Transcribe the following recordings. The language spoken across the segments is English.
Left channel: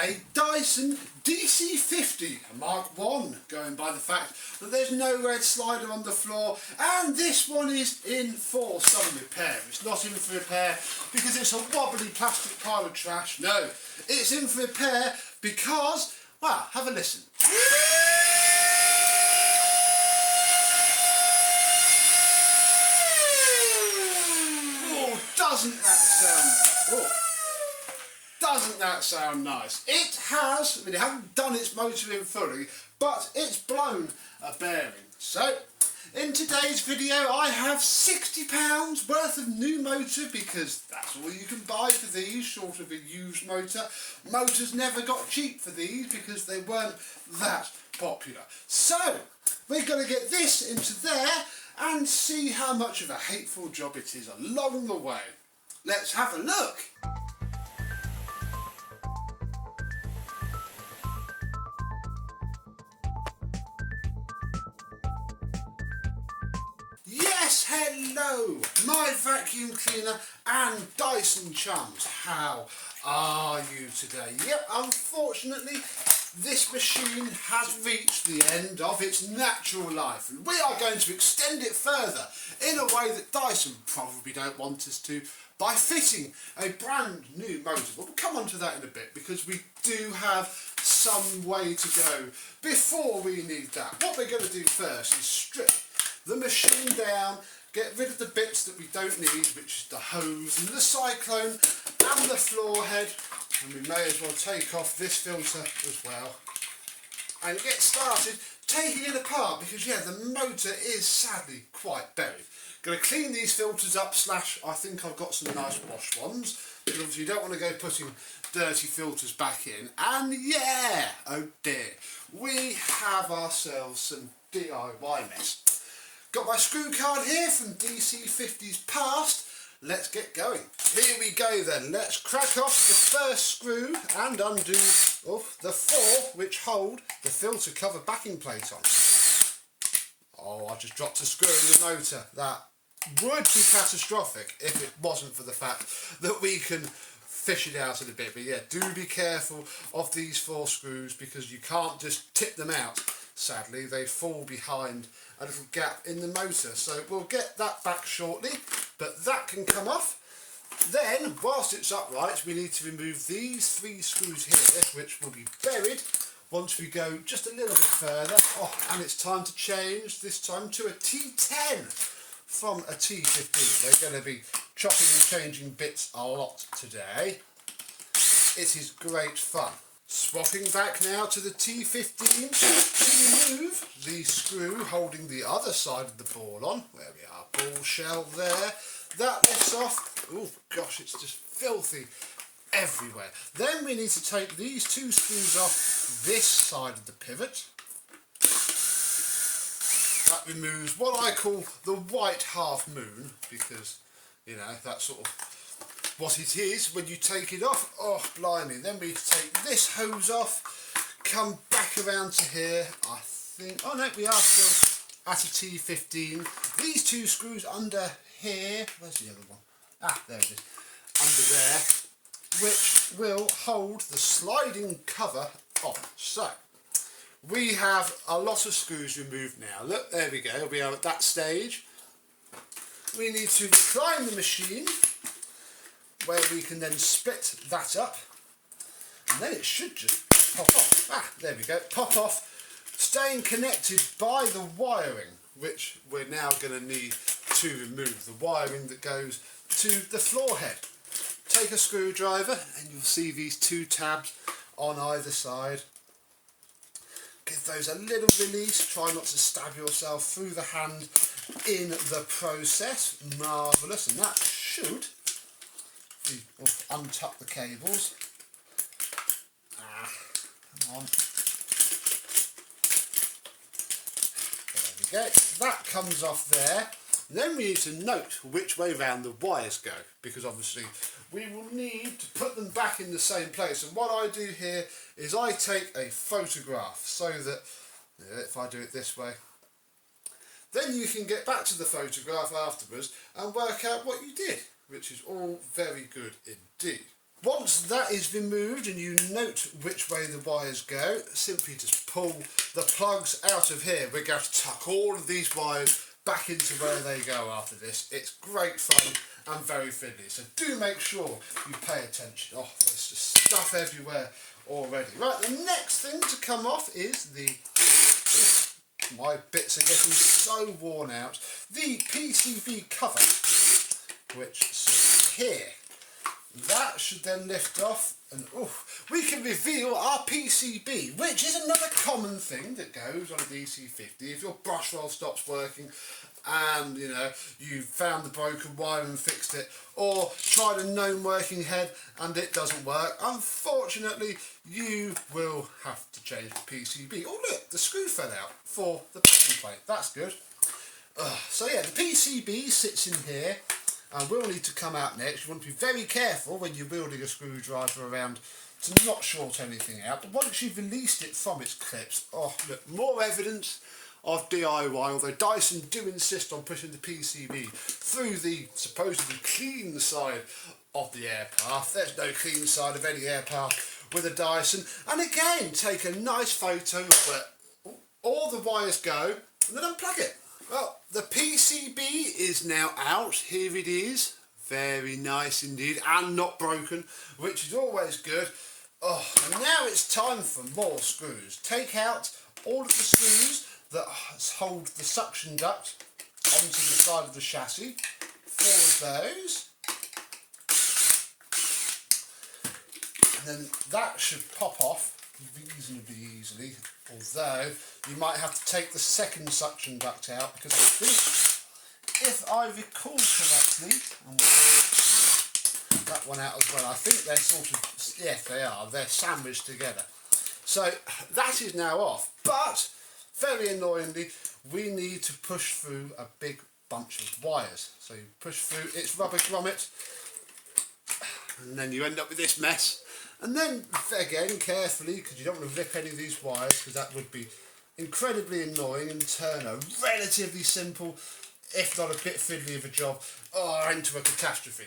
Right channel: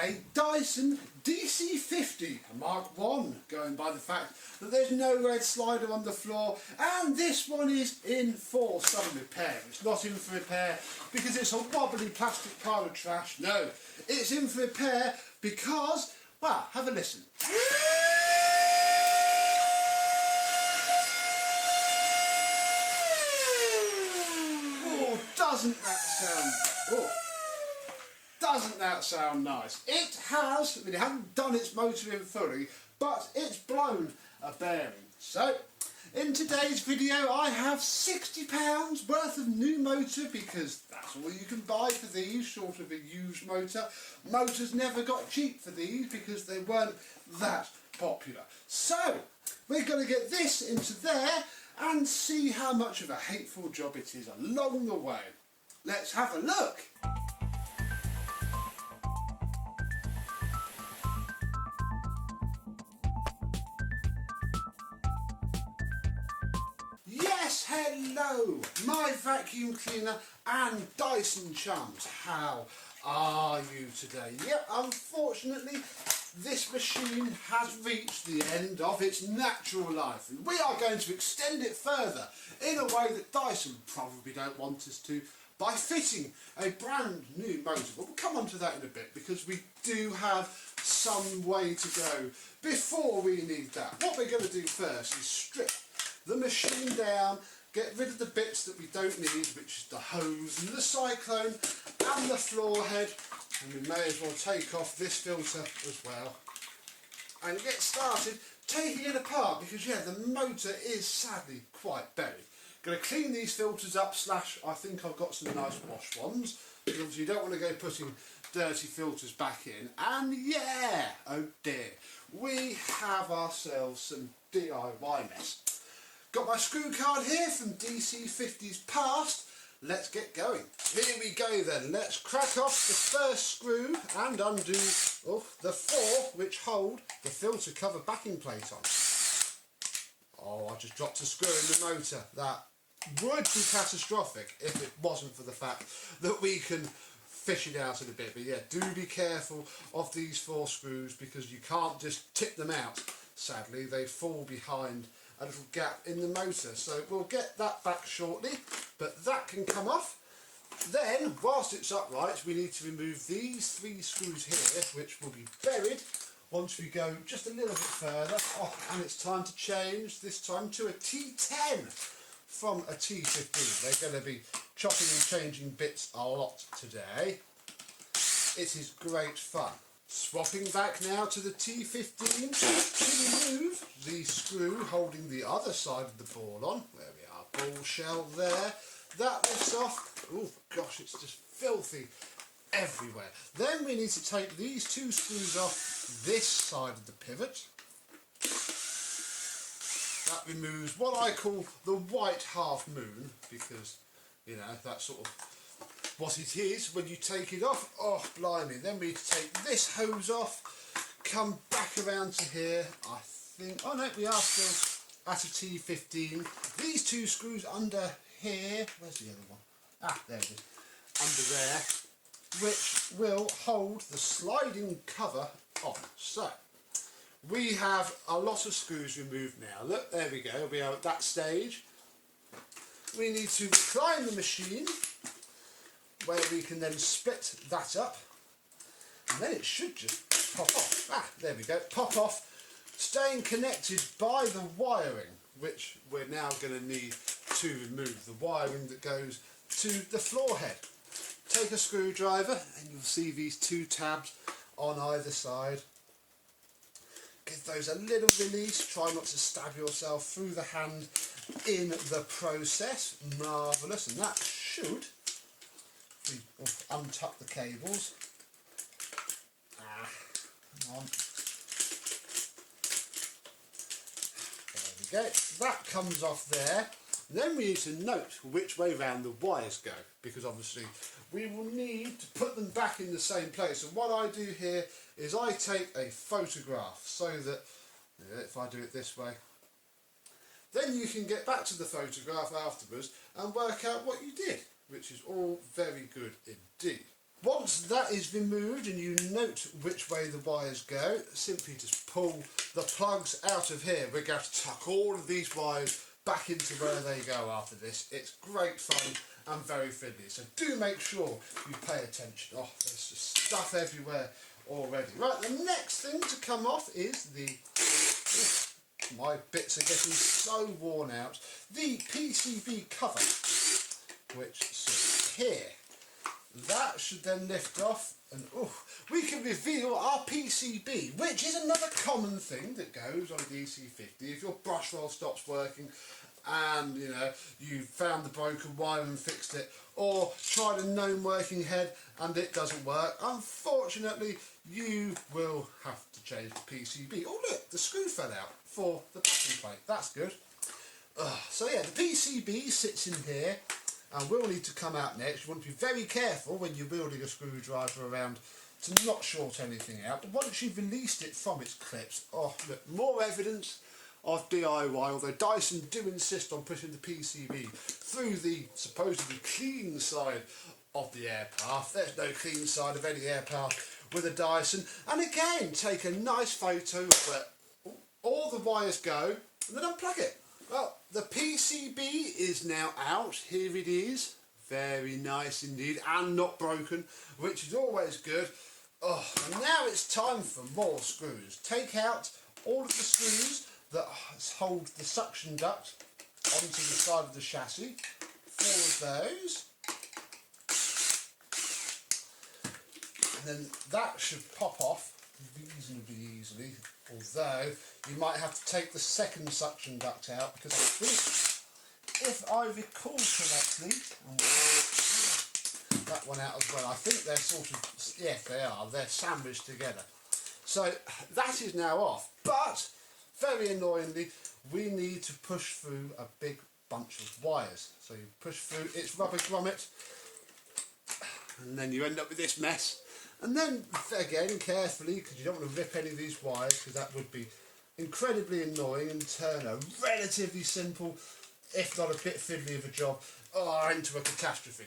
a Dyson DC50, a Mark 1, going by the fact that there's no red slider on the floor, and this one is in for some repair. It's not in for repair because it's a wobbly plastic pile of trash. No, it's in for repair because, well, have a listen. Oh, doesn't that sound... Doesn't that sound nice? It has, I mean, it hasn't done its motor in fully, but it's blown a bearing. So, in today's video I have £60 worth of new motor, because that's all you can buy for these, short of a used motor. Motors never got cheap for these because they weren't that popular. So, we're going to get this into there and see how much of a hateful job it is along the way. Let's have a look. Yes, hello, my vacuum cleaner and Dyson chums. How are you today? Yep, unfortunately, this machine has reached the end of its natural life, and we are going to extend it further in a way that Dyson probably don't want us to, by fitting a brand new motor. But we'll come on to that in a bit, because we do have some way to go before we need that. What we're going to do first is strip the machine down, get rid of the bits that we don't need, which is the hose and the cyclone and the floor head, and we may as well take off this filter as well and get started taking it apart, because yeah, the motor is sadly quite buried. Going to clean these filters up, I think I've got some nice wash ones, because obviously you don't want to go putting dirty filters back in. And yeah, oh dear, we have ourselves some DIY mess. Got my screw card here from DC50's past. Let's get going. Here we go then. Let's crack off the first screw and undo the four which hold the filter cover backing plate on. Oh, I just dropped a screw in the motor. That would be catastrophic if it wasn't for the fact that we can fish it out in a bit. But yeah, do be careful of these four screws, because you can't just tip them out. Sadly, they fall behind a little gap in the motor, so we'll get that back shortly, but that can come off. Then, whilst it's upright, we need to remove these three screws here, which will be buried once we go just a little bit further. Oh, and it's time to change, this time to a T10 from a T15. They're going to be chopping and changing bits a lot today. It is great fun. Swapping back now to the T15 to remove the screw holding the other side of the ball on. There we are, ball shell there. That lifts off. Oh gosh, it's just filthy everywhere. Then we need to take these two screws off this side of the pivot. That removes what I call the white half moon, because, you know, that's sort of what it is when you take it off. Oh blimey, then we take this hose off, come back around to here, I think, oh no, we are still at a T15. These two screws under here, where's the other one? Ah, there it is, under there, which will hold the sliding cover on. So, we have a lot of screws removed now. Look, there we go, we are at that stage. We need to recline the machine, where we can then split that up, and then it should just pop off. Ah, there we go, pop off, staying connected by the wiring, which we're now going to need to remove, the wiring that goes to the floor head. Take a screwdriver and you'll see these two tabs on either side. Give those a little release, try not to stab yourself through the hand in the process. Marvellous, and that should untuck the cables. Ah, come on. There we go. That comes off there. Then we need to note which way round the wires go, because obviously we will need to put them back in the same place. And what I do here is I take a photograph, so that, if I do it this way, then you can get back to the photograph afterwards and work out what you did, which is all very good indeed. Once that is removed and you note which way the wires go, simply just pull the plugs out of here. We're going to tuck all of these wires back into where they go after this. It's great fun and very fiddly, so do make sure you pay attention. Oh, there's just stuff everywhere already. Right, the next thing to come off is the... my bits are getting so worn out. The PCB cover, which sits here. That should then lift off and we can reveal our PCB, which is another common thing that goes on a DC50. If your brush roll stops working and you found the broken wire and fixed it, or tried a known working head and it doesn't work, unfortunately you will have to change the PCB. Oh look, the screw fell out for the backing plate. That's good. So yeah, the PCB sits in here and will need to come out next. You want to be very careful when you're wielding a screwdriver around to not short anything out. But once you've released it from its clips, look, more evidence of DIY, although Dyson do insist on pushing the PCB through the supposedly clean side of the air path. There's no clean side of any air path with a Dyson. And again, take a nice photo where all the wires go and then unplug it. Well, the PCB is now out. Here it is. Very nice indeed, and not broken, which is always good. And now it's time for more screws. Take out all of the screws that hold the suction duct onto the side of the chassis. 4 of those. And then that should pop off reasonably easily, although you might have to take the second suction duct out, because I think, if I recall correctly, and we'll that one out as well, I think they're sort of, yes they are, they're sandwiched together. So that is now off, but very annoyingly we need to push through a big bunch of wires. So you push through its rubber grommet and then you end up with this mess. And then again, carefully, because you don't want to rip any of these wires, because that would be incredibly annoying and turn a relatively simple, if not a bit fiddly of a job, into a catastrophe.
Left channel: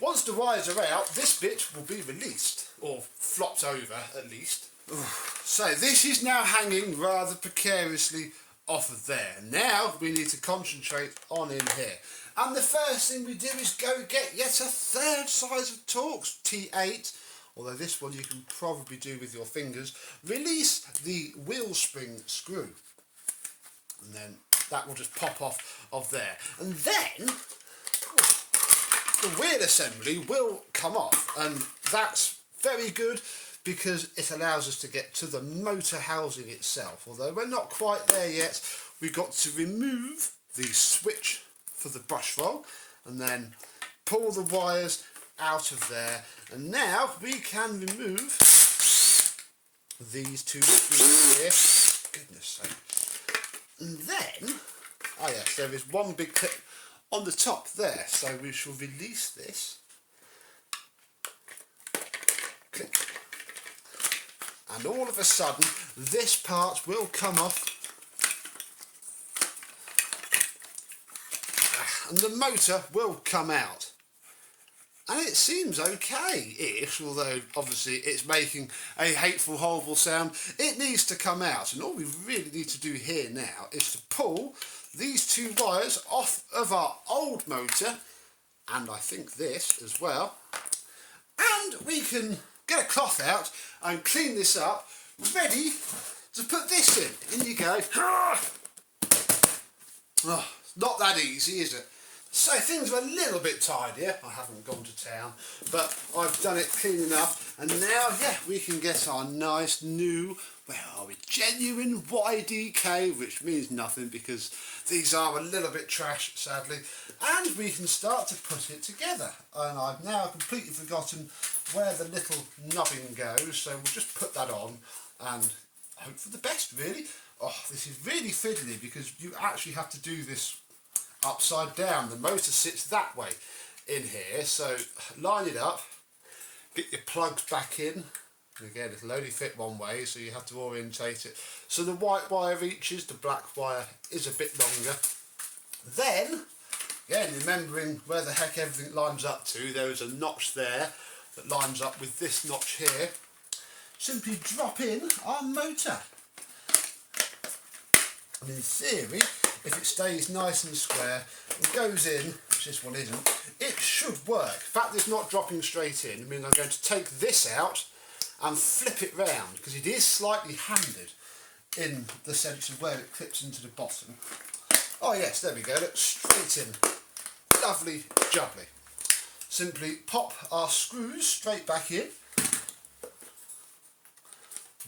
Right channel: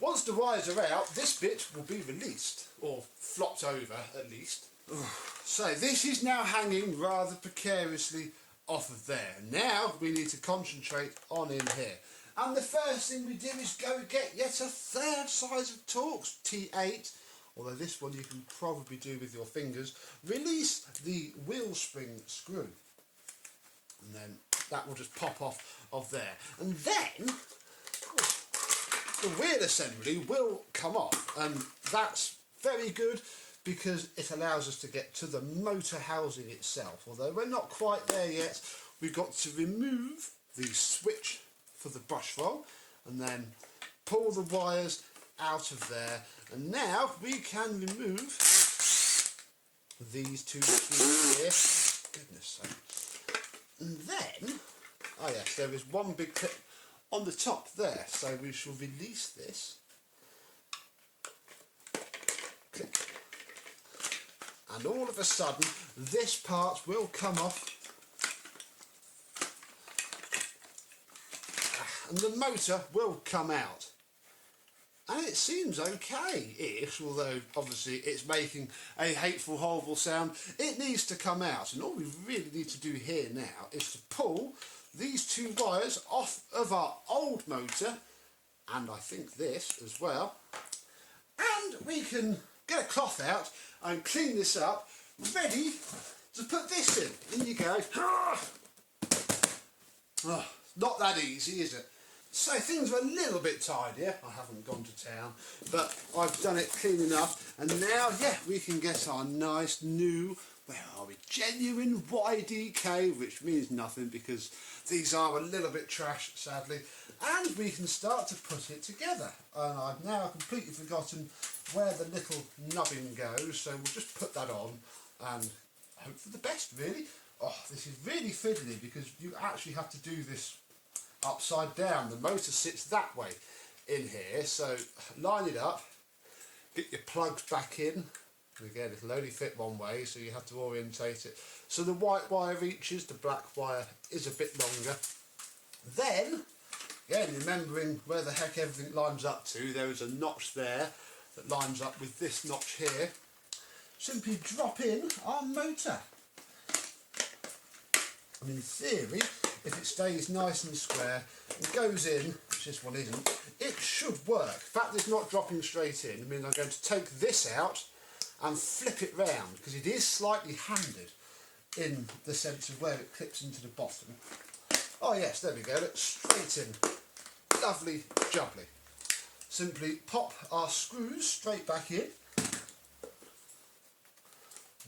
Once the wires are out, this bit will be released, or flopped over at least. So this is now hanging rather precariously off of there. Now we need to concentrate on in here. And the first thing we do is go get yet a third size of Torx, T8. Although this one you can probably do with your fingers. Release the wheel spring screw. And then that will just pop off of there. And then the wheel assembly will come off. And that's very good because it allows us to get to the motor housing itself. Although we're not quite there yet. We've got to remove the switch for the brush roll. And then pull the wires out of there. And now we can remove these 2 screws here. Goodness sake. And then, yes, there is one big clip on the top there. So we shall release this. Click. And all of a sudden, this part will come off. And the motor will come out. And it seems okay-ish, although obviously it's making a hateful, horrible sound. It needs to come out, and all we really need to do here now is to pull these 2 wires off of our old motor, and I think this as well, and we can get a cloth out and clean this up, ready to put this in. In you go. Not that easy, is it? So things are a little bit tidier. I haven't gone to town, but I've done it clean enough. And now, we can get our nice new, where are we, genuine YDK, which means nothing because these are a little bit trash, sadly. And we can start to put it together. And I've now completely forgotten where the little nubbing goes, so we'll just put that on and hope for the best, really. This is really fiddly because you actually have to do this upside down. The motor sits that way in here, so line it up, get your plugs back in. Again, it'll only fit one way, so you have to orientate it so the white wire reaches, the black wire is a bit longer. Then, again, remembering where the heck everything lines up to, there is a notch there that lines up with this notch here, simply drop in our motor. And in theory, if it stays nice and square and goes in, which this one isn't, it should work. In fact, it's not dropping straight in. I mean, I'm going to take this out and flip it round because it is slightly handed in the sense of where it clips into the bottom. Oh yes, there we go, look, straight in. Lovely jubbly. Simply pop our screws straight back in.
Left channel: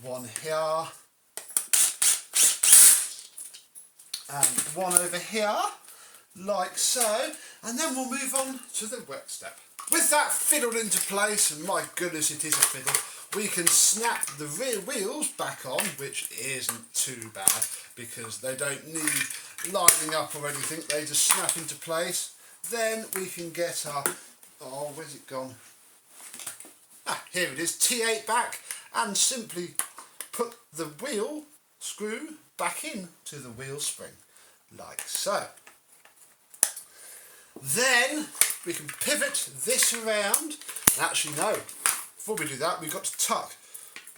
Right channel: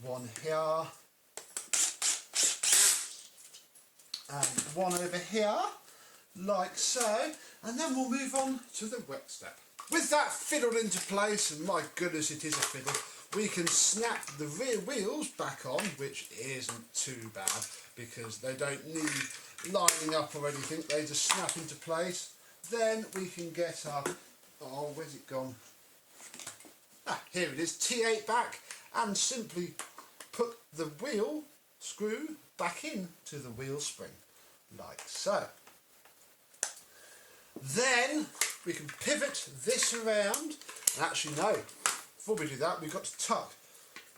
One here. And one over here, like so. And then we'll move on to the wet step. With that fiddled into place, and my goodness it is a fiddle, we can snap the rear wheels back on, which isn't too bad because they don't need lining up or anything, they just snap into place. Then we can get our, oh where's it gone? Ah, here it is, T8 back, and simply put the wheel screw back into the wheel spring, like so. Then we can pivot this around, and actually no, before we do that we've got to tuck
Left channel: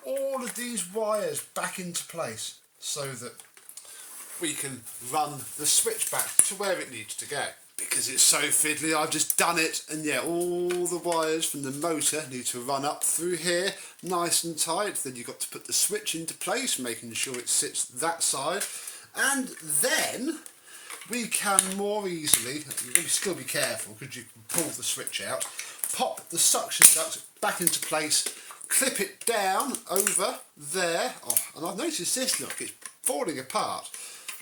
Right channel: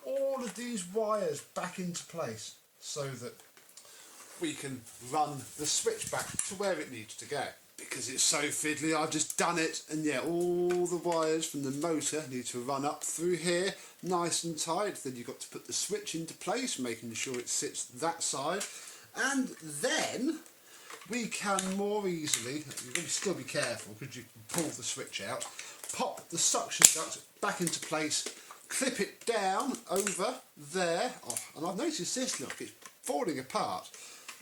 all of these wires back into place so that we can run the switch back to where it needs to go. Because it's so fiddly, I've just done it, and yeah, all the wires from the motor need to run up through here nice and tight. Then you've got to put the switch into place, making sure it sits that side, and then we can more easily, you've got to still be careful because you can pull the switch out, pop the suction duct back into place, clip it down over there. Oh, and I've noticed this, look, it's falling apart.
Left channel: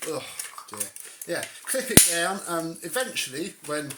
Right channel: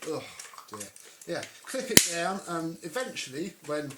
Oh dear. Yeah, clip it down, and eventually when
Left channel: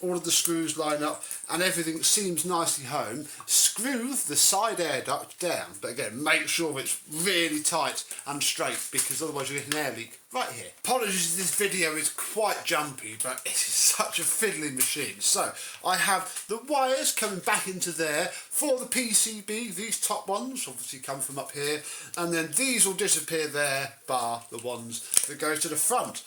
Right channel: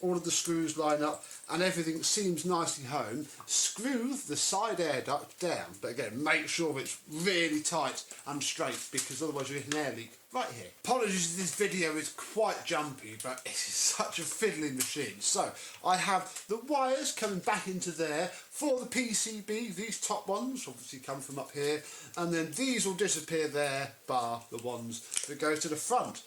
all of the screws line up and everything seems nicely home, screw the side air duct down. But again, make sure it's really tight and straight because otherwise you get an air leak right here. Apologies if this video is quite jumpy, but it is such a fiddly machine. So I have the wires coming back into there for the PCB. These top ones obviously come from up here, and then these will disappear there, bar the ones that go to the front.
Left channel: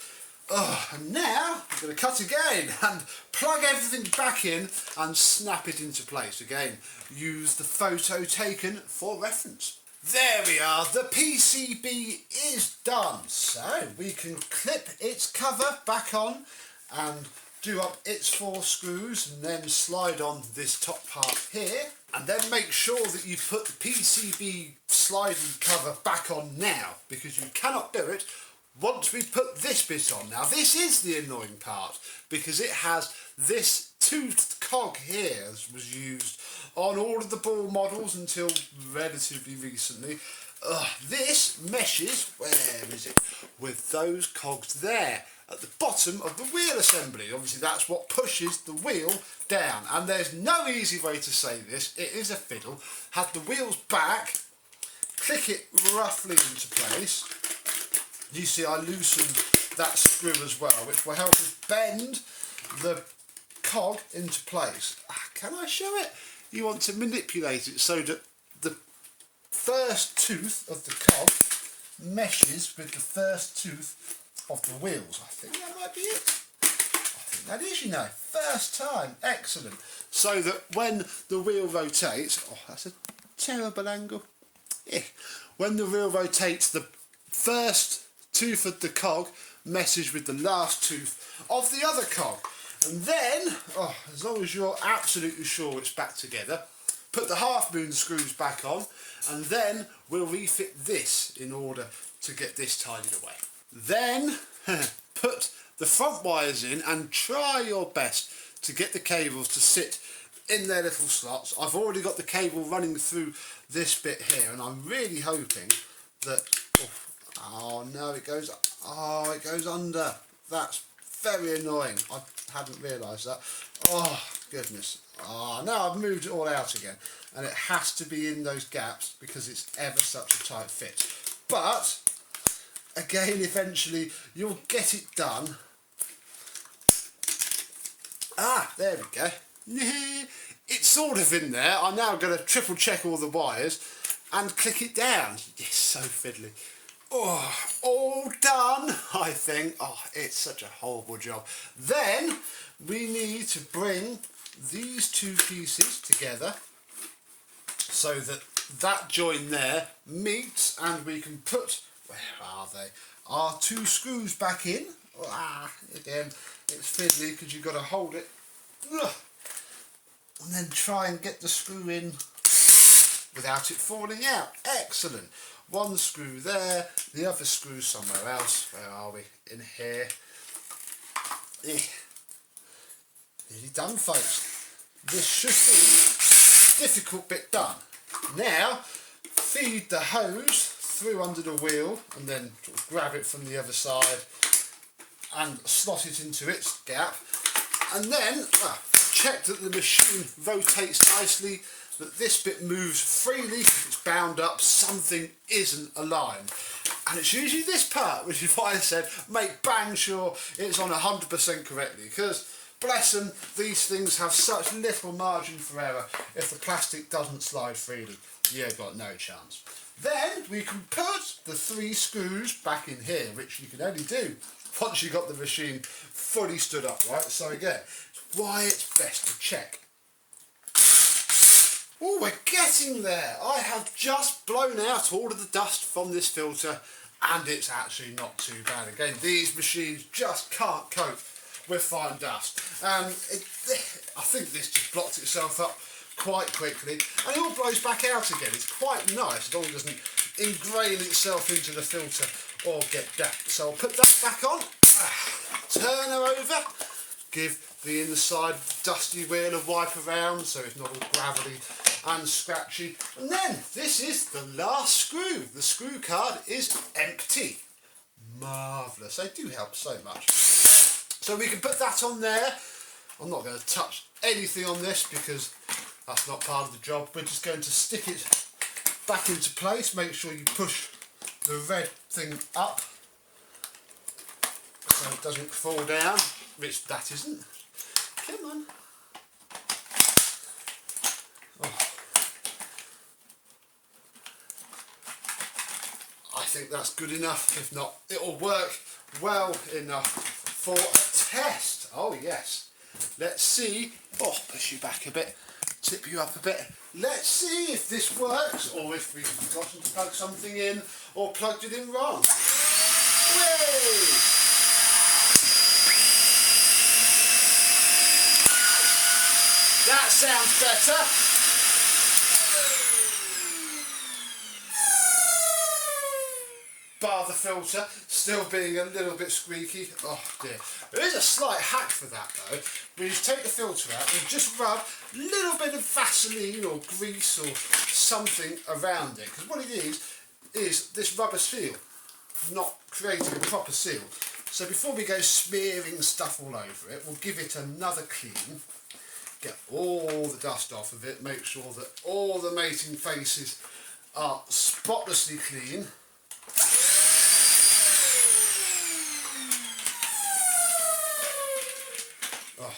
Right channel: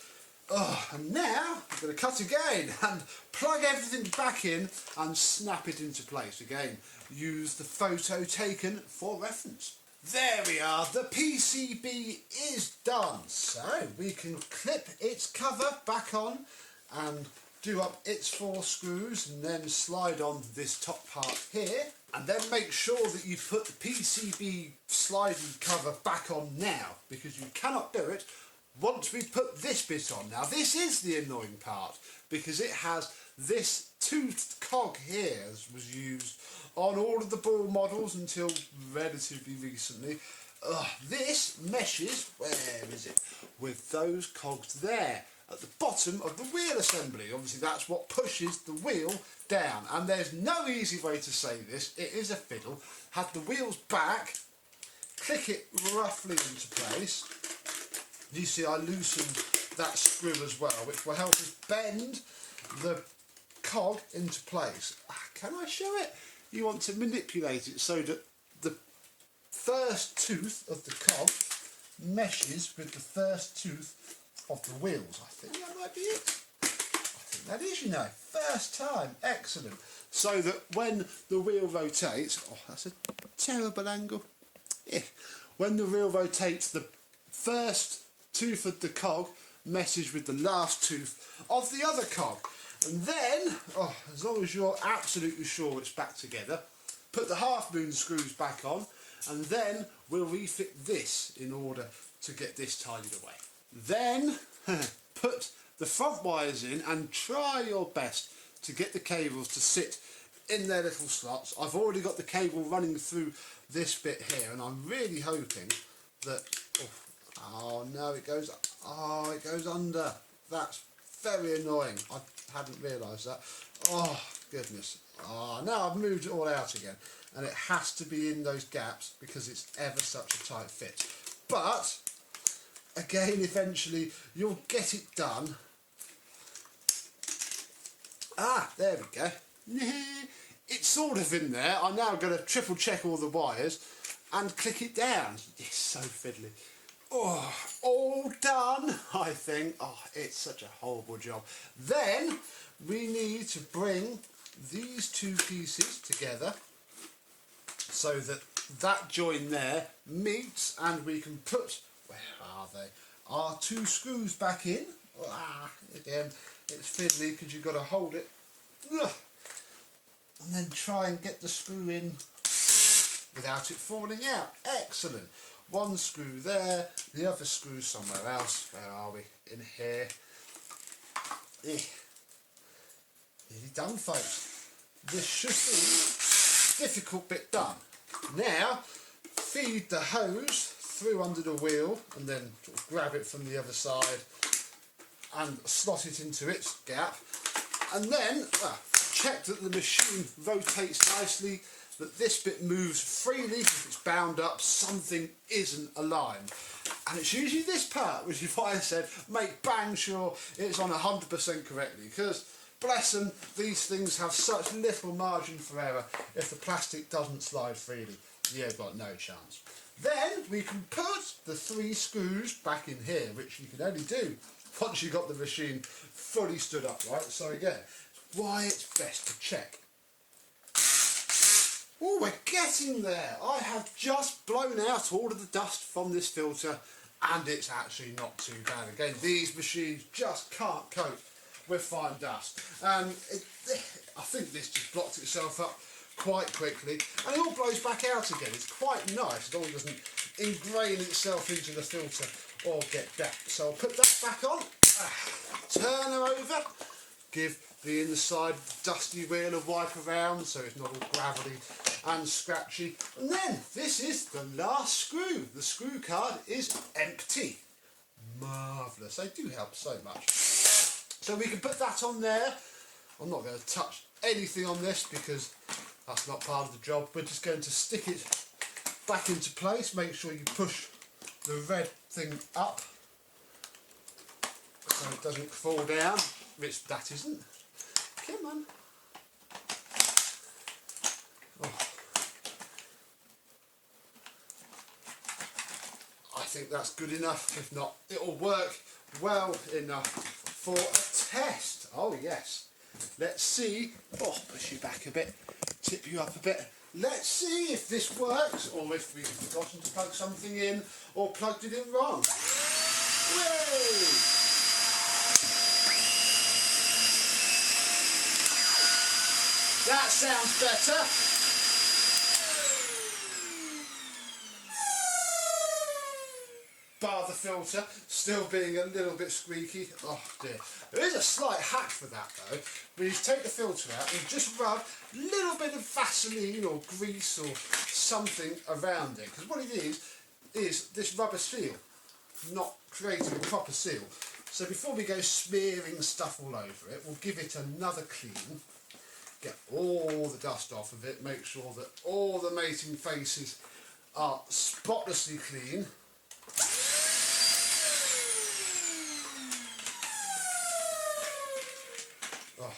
Oh, and now I'm going to cut again and plug everything back in and snap it into place. Again, use the photo taken for reference. There we are, the PCB is done. So we can clip its cover back on and do up its 4 screws and then slide on this top part here. And then make sure that you put the PCB sliding cover back on now, because you cannot do it once we put this bit on. Now this is the annoying part because it has this toothed cog here, as was used on all of the ball models until relatively recently. This meshes, where is it, with those cogs there at the bottom of the wheel assembly. Obviously that's what pushes the wheel down, and there's no easy way to say this, it is a fiddle. Have the wheels back, click it roughly into place. You see I loosened that screw as well, which will help us bend the cog into place. Can I show it? You want to manipulate it so that the first tooth of the cog meshes with the first tooth of the wheels. I think that might be it. I think that is, you know, first time. Excellent. So that when the wheel rotates, oh that's a terrible angle. Yeah. When the wheel rotates, the first tooth of the cog meshes with the last tooth of the other cog, and then as long as you're absolutely sure it's back together, put the half moon screws back on, and then we'll refit this in order to get this tidied away. Then put the front wires in and try your best to get the cables to sit in their little slots. I've already got the cable running through this bit here, and I'm really hoping that oh no, it goes under. That's very annoying. I hadn't realised that. Oh goodness. Oh, now I've moved it all out again, and it has to be in those gaps because it's ever such a tight fit. But again, eventually you'll get it done. There we go. It's sort of in there. I'm now going to triple check all the wires and click it down. It's so fiddly. Oh, all done, I think. Oh, it's such a horrible job. Then we need to bring these two pieces together so that that join there meets, and we can put, where are they, our 2 screws back in. Again, it's fiddly because you've got to hold it and then try and get the screw in without it falling out. Excellent. 1 screw there, the other screw somewhere else. Where are we? In here. Nearly done, folks. This should be the difficult bit done. Now, feed the hose through under the wheel and then sort of grab it from the other side and slot it into its gap, and then check that the machine rotates nicely, that this bit moves freely. If it's bound up, something isn't aligned, and it's usually this part, which is why I said make bang sure it's on 100% correctly, because bless them, these things have such little margin for error. If the plastic doesn't slide freely, you've got no chance. Then we can put the 3 screws back in here, which you can only do once you've got the machine fully stood up, right? So again, why it's best to check. Oh, we're getting there. I have just blown out all of the dust from this filter, and it's actually not too bad. Again, these machines just can't cope with fine dust. I think this just blocked itself up quite quickly, and it all blows back out again. It's quite nice, as long as it doesn't ingrain itself into the filter or get damp. So I'll put that back on, turn her over, give the inside dusty wheel a wipe around so it's not all gravelly and scratchy, and then this is the last screw. The screw card is empty. Marvellous. They do help so much. So we can put that on there. I'm not going to touch anything on this because that's not part of the job. We're just going to stick it back into place. Make sure you push the red thing up so it doesn't fall down, which that isn't. Come on. Oh. I think that's good enough. If not, it'll work well enough for a test. Oh yes. Let's see. Oh, push you back a bit, tip you up a bit. Let's see if this works, or if we've forgotten to plug something in or plugged it in wrong. Whee! That sounds better. Bar the filter still being a little bit squeaky. Oh dear. There is a slight hack for that though. When you take the filter out and just rub a little bit of Vaseline or grease or something around it, because what it is this rubber seal not creating a proper seal. So before we go smearing stuff all over it, we'll give it another clean, get all the dust off of it, make sure that all the mating faces are spotlessly clean. Oh.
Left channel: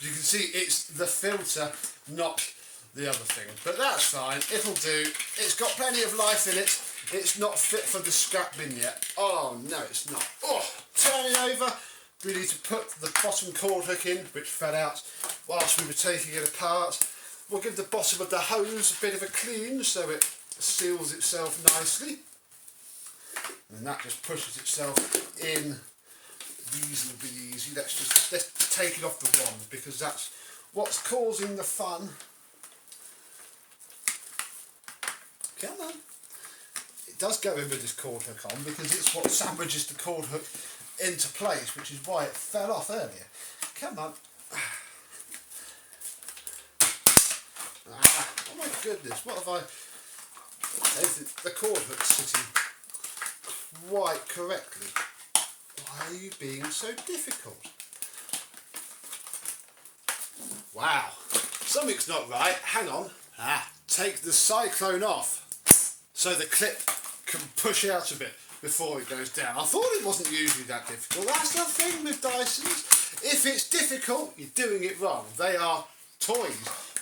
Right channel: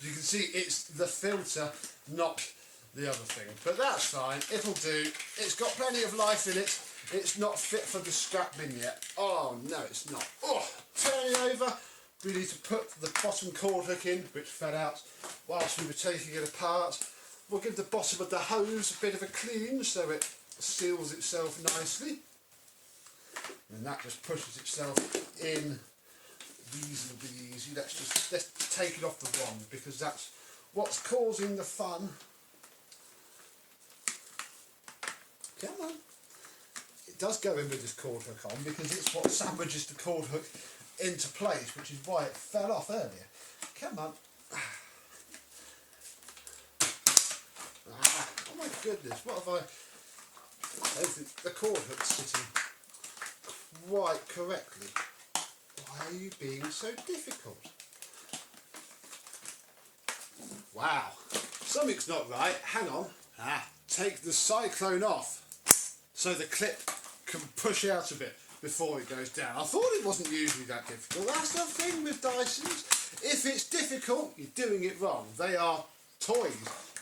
You can see it's the filter, not the other thing, but that's fine, it'll do. It's got plenty of life in it. It's not fit for the scrap bin yet. Oh no, it's not. Oh, turn it over. We need to put the bottom cord hook in, which fell out whilst we were taking it apart. We'll give the bottom of the hose a bit of a clean so it seals itself nicely. And that just pushes itself in reasonably easy. Let's take it off the wand, because that's what's causing the fun. Come on. It does go in with this cord hook on because it's what sandwiches the cord hook into place, which is why it fell off earlier. Come on. Oh my goodness, what have I don't think the cord hook's sitting quite correctly. Why are you being so difficult? Wow, something's not right. Hang on. Take the cyclone off so the clip can push out a bit before it goes down. I thought it wasn't usually that difficult. That's the thing with Dysons. If it's difficult, you're doing it wrong. They are toys,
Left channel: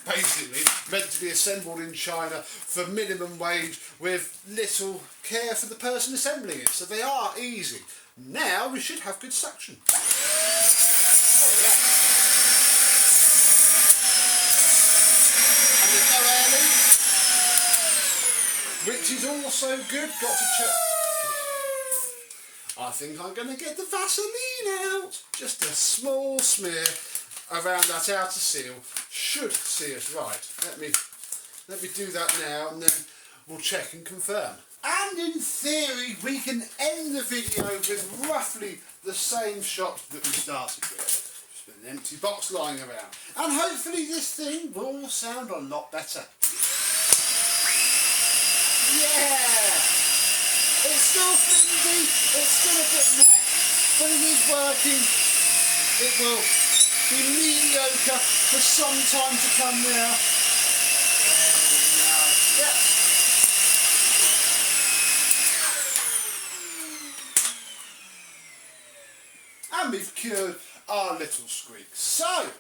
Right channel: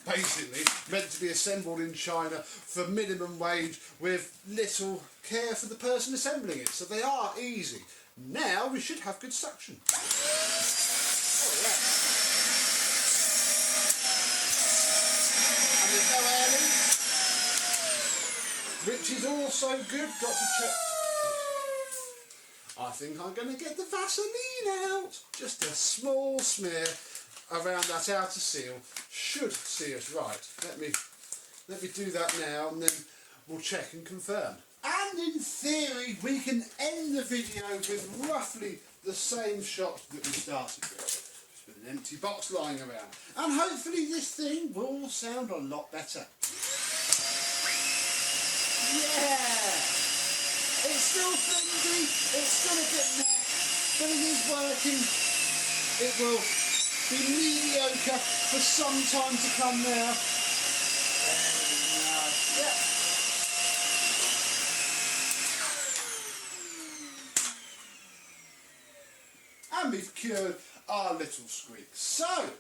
basically, meant to be assembled in China for minimum wage with little care for the person assembling it. So they are easy. Now we should have good suction. Oh yeah. is also good. Got to check. I think I'm going to get the Vaseline out. Just a small smear around that outer seal should see us right. Let me do that now, and then we'll check and confirm. And in theory, we can end the video with roughly the same shot that we started with. Just with an empty box lying around. And hopefully this thing will sound a lot better. Yeah! It's still flimsy, it's still a bit meh, but it is working. It will be mediocre for some time to come now. Yep. And we've cured our little squeak. So,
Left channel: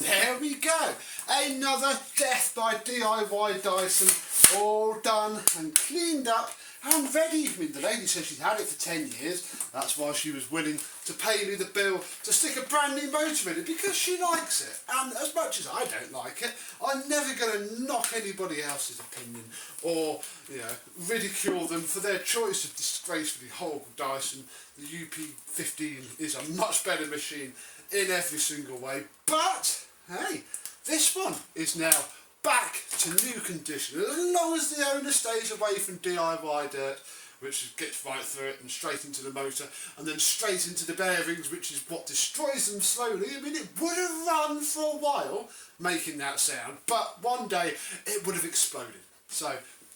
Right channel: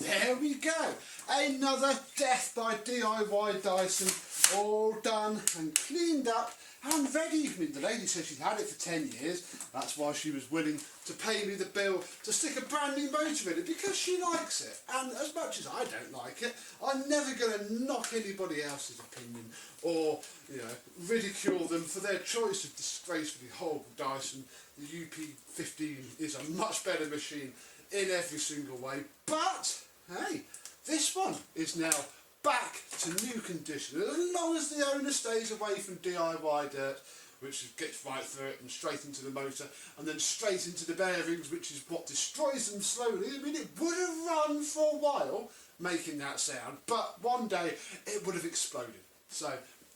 there we go. Another death by DIY Dyson, all done and cleaned up and ready. I mean, the lady said she'd had it for 10 years. That's why she was willing to pay me the bill to stick a brand new motor in it, because she likes it. And as much as I don't like it, I'm never going to knock anybody else's opinion or, you know, ridicule them for their choice of disgracefully horrible Dyson. The UP15 is a much better machine in every single way. But, hey, this one is now back to new condition. As long as the owner stays away from DIY dirt, which gets right through it and straight into the motor, and then straight into the bearings, which is what destroys them slowly. I mean, it would have run for a while making that sound, but one day it would have exploded. So,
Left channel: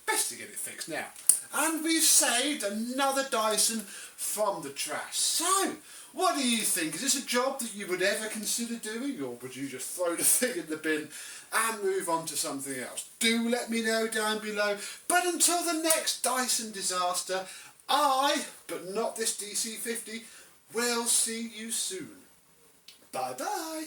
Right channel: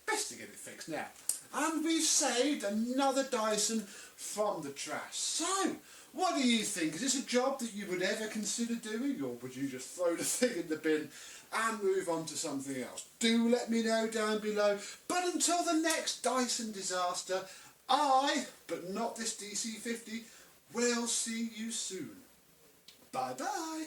best to get it fixed now. And we've saved another Dyson from the trash. So, what do you think? Is this a job that you would ever consider doing, or would you just throw the thing in the bin and move on to something else? Do let me know down below. But until the next Dyson disaster, but not this DC50, will see you soon. Bye bye.